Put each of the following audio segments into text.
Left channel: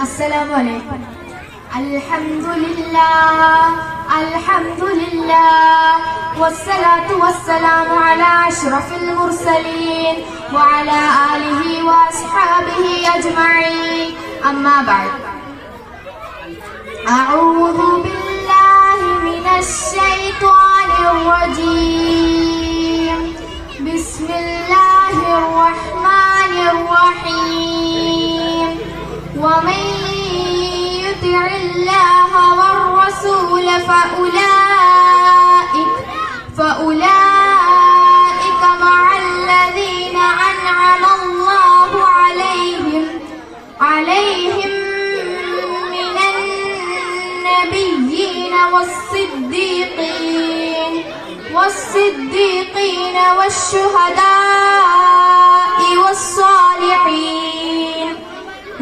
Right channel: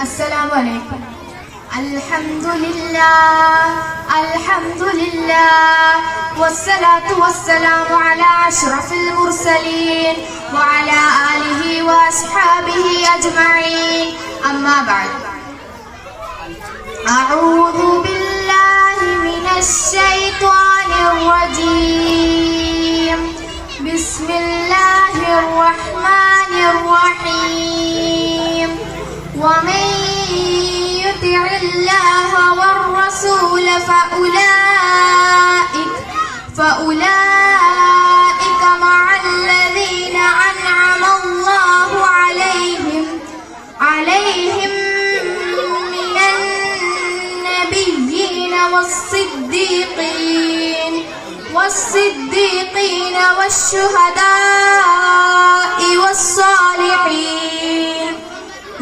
السلام عليكم. الحمد لله الحمد لله والصلاة والسلام على أشرف المرسلين وعلى آله وأصحابه أجمعين. أما بعد أعوذ بالله من الشيطان الرجيم. الله والرسول فأولئك فأولئك مع الذين أنعم الله عليهم عليهم من النبيين والصديقين والصديقين والشهداء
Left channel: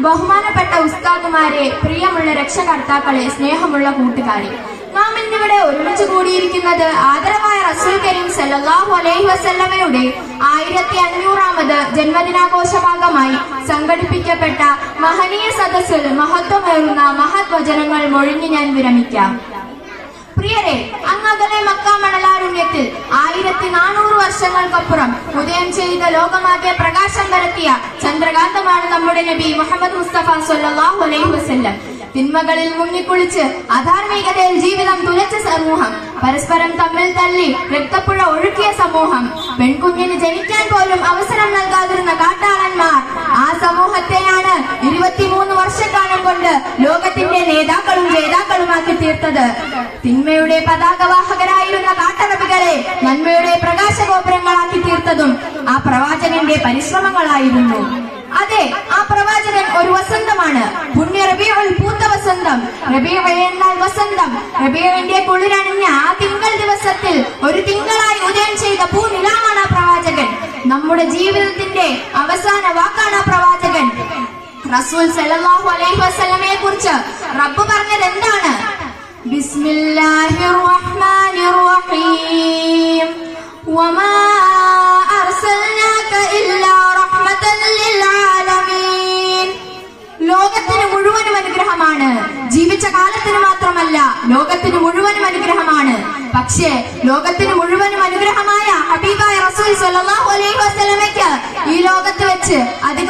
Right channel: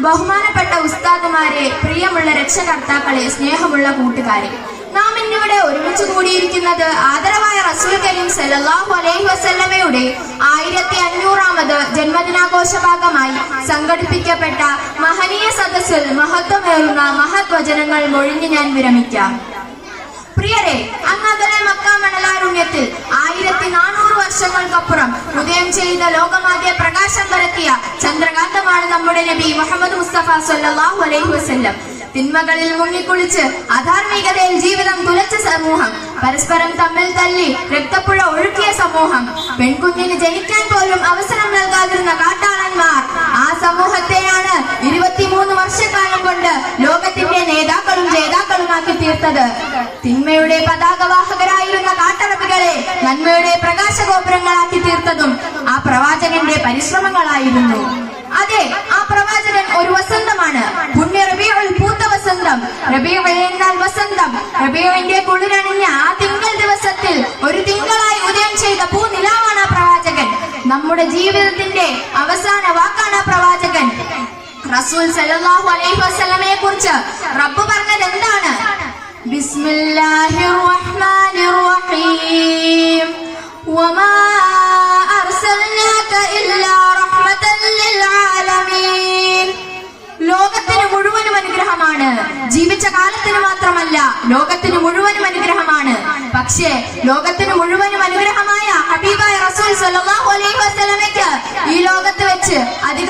ബഹുമാനപ്പെട്ട ഉസ്താദുമാരെ പ്രിയമുള്ള രക്ഷകർത്താക്കളെ സ്നേഹമുള്ള കൂട്ടുകാരെ നാം ഇന്നിവിടെ ഒരുമിച്ച് കൂടിയിരിക്കുന്നത് ആദരവായ റസൂൽ കരീം സല്ലല്ലാഹു അലൈഹി വസല്ലമയുടെ ആയിരത്തി അഞ്ഞൂറാമത് ജന്മദിനാഘോഷ ഭാഗമായി സംഘടിപ്പിക്കപ്പെട്ട മഹനീയ സദസ്സിൽ മഹത്വമേറുന്ന മഹത് വചനങ്ങൾ മൊഴിഞ്ഞ് ഞാൻ വിരമിക്കാം. പ്രിയരെ അങ്ങകലെ മക്ക മണലാരുണ്യത്തിൽ ആയിരത്തി നാനൂറ് വർഷങ്ങൾക്കപ്പുറം ഉദയം ചെയ്ത ലോകമാകെ പ്രകാശം പരത്തിയ ചന്ദ്രകാന്തമാണ് നമ്മുടെ നബി മുഹമ്മദ് മുസ്തഫ സല്ലല്ലാഹു അലൈഹി വസല്ലം. തിന്മകളിൽ മുങ്ങിക്കുളിച്ച് അധാർമികതയിൽ ജീവിതം തുലച്ച സമൂഹം പരസ്പരം തമ്മിൽ തല്ലി രക്തപ്പുഴ ഒഴുക്കിയ സമൂഹം. പെൺകുഞ്ഞിന് ജനിക്കാൻ പോലും അവസരം നൽകാതിരുന്ന കാട്ടാളന്മാർ ജേതാക്കളുമാക്കി തീർത്തത്. തിന്മയുടെ പതാകവാഹകരായിരുന്ന കാട്ടറബികളെ നന്മയുടെ പ്രകാശഗോപുരങ്ങളാക്കി തീർത്തതും ആ പ്രവാചകന്റെ പരിശ്രമങ്ങളായിരുന്നു. അതെ ആ പ്രവാചകൻ ഒരു വസന്തമാണ്. പുണ്യ റബീഉൽ പൂത്ത വസന്തം. റബിയ എന്നാൽ വസന്തം. റബീഉവിന്റെ കുളിരണിഞ്ഞ ആ തിങ്കൾ ദിവസത്തിൽ ഒരു തിങ്കളായി ഉദയം ചെയ്ത പൂനിലാവാണ് ആ പ്രവാചകൻ. നമ്മുടെ ജീവിതത്തിന്റെ അവസാന വാക്കാണ് ആ പ്രവാചകൻ. റസൂൽ സല്ലല്ലാഹു അലൈഹി വസല്ലമയെ കുറിച്ച് റബ്ബ് പറഞ്ഞത് എന്താണ്? ബിസ്മില്ലാഹിർ റഹ്മാനിർ റഹീം വമാ അർസൽനാക ഇല്ലാ റഹ്മതൻ ലിൽ ആലമീൻ ലോകത്തിന് മുഴുവനും അനുഗ്രഹമാണ്. ജീവിച്ച കാലത്തിന് മാത്രമല്ല ലോകത്തിന് മുഴുവനും അനുഗ്രഹമാണ്. പക്ഷേ ലോകത്തിന് മുഴുവനും അനുഗ്രഹമായ ഹബീബായ റസൂൽ സല്ലല്ലാഹു അലൈഹി വസല്ലമയ്ക്ക് ഈ ലോകത്ത് വെച്ച് അധിക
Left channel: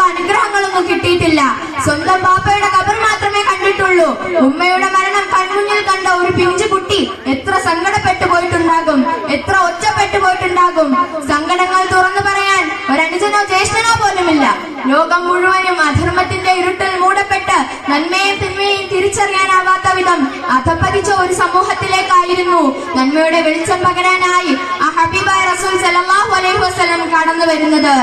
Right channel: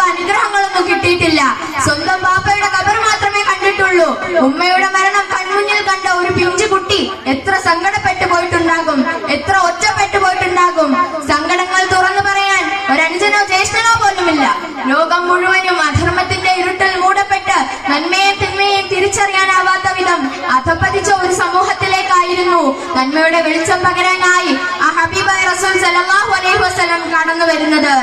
സ്വന്തം ബാപ്പയുടെ കബർ മാത്രമേ കണ്ടിട്ടുള്ളൂ. ഉമ്മയുടെ മരണം കൺമുന്നിൽ കണ്ട ഒരു പിഞ്ചു കുട്ടി എത്ര സങ്കടപ്പെട്ടു പോയിട്ടുണ്ടാകും എത്ര ഒറ്റപ്പെട്ടു പോയിട്ടുണ്ടാകും. സങ്കടങ്ങൾ തുറന്നു പറയാൻ ഒരനുജനോ ജ്യേഷ്ഠനോ പോലുമില്ല. ലോകം മുഴുവനും അധർമ്മത്തിന്റെ ഇരുട്ടിൽ മൂടപ്പെട്ട് നന്മയെ തിന്മയെയും തിരിച്ചറിയാനാവാത്ത വിധം അധപ്പതിച്ച ഒരു സമൂഹത്തിലേക്കായിരുന്നു നന്മയുടെ വെളിച്ചം പകരാനായി ആ ഹബീബ് റസൂൽ സലഹു അലൈഹി വസ്ലം കടന്നു വരുന്നത്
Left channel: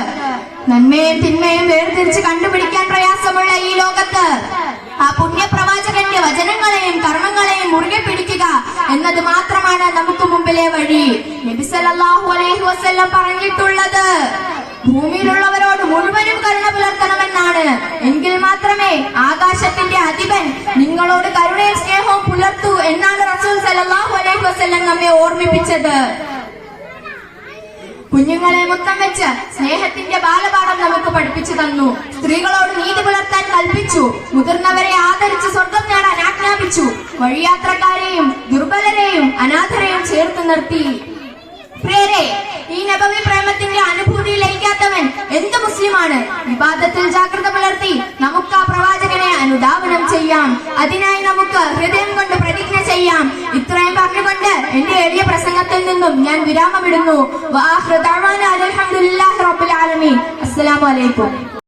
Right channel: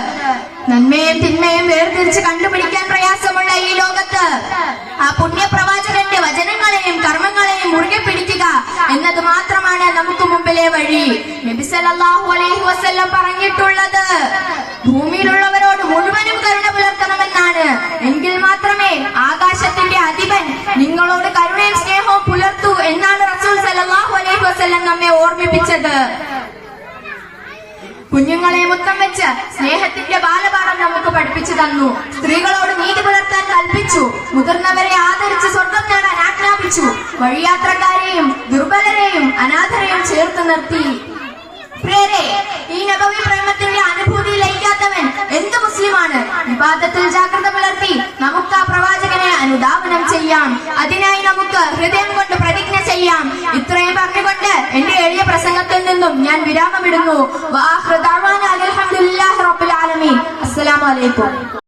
നന്മയും തിന്മയും വേർതിരിച്ച് കണ്ടുപിടിക്കാൻ പ്രയാസമുള്ള ഈ ലോകത്ത് ആ പുണ്യപ്രവാചകന്റെ വചനങ്ങളെയും കർമ്മങ്ങളെയും മുറുകെ പിടിക്കുക എന്നത് മാത്രമാണ് നമുക്ക് മുമ്പിലെ വഴി. അലൈഹി പറഞ്ഞിട്ടുള്ളത് ഭൂമിയിലുള്ളവരോട് മുഴുവനും കരുണ പുലർത്തണമെന്നാണ്. എങ്കിൽ മാത്രമേ ആകാശത്തിന്റെ അധിപൻ നിങ്ങളോട് കരുണയും സ്നേഹവും പുലർത്തൂ എന്നാണ് റസൂൽ സല്ലല്ലാഹു അലൈഹി വസ്ല്ലം നമ്മെ ഓർമ്മിപ്പിച്ചത്. കുഞ്ഞുങ്ങളെ മുത്തം വെച്ച് സ്നേഹത്തിന്റെ നമുക്ക് പഠിപ്പിച്ചു തന്നു. സ്ത്രീകളോട് നീതി പുലർത്താൻ കൽപ്പിച്ചു. മുതിർന്നവരെ ആദരിച്ച് സ്വർഗം നേടാൻ ആജ്ഞാപിച്ചു. വഴിയാത്രക്കാരെയും ദുർബലരെയും അനാഥരെയും ചേർത്ത് നിർത്തി. പ്രിയരെ ഈ നബവി പ്രേമത്തിന്റെ അനുഭൂതി ലയിക്കാത്തവൻ എന്ത് മുസ്ലിമാണ്? വിവാദത്തിൽ ജാഗ്രത പുലർത്തി നമുക്ക് ആ പ്രവാചകനെ അനുധാവനം ചെയ്യാം. അതിനായി നമുക്ക് ഹൃദയം കൊണ്ട് പ്രതിജ്ഞ ചെയ്യാം. ഇത്രയും പറഞ്ഞുകൊണ്ട് എന്റെ എളിയ പ്രസംഗത്തിൽ നിന്നും ഞാൻ വിരാമമിടുന്നു. വാഹൃദാവാന वालेकुम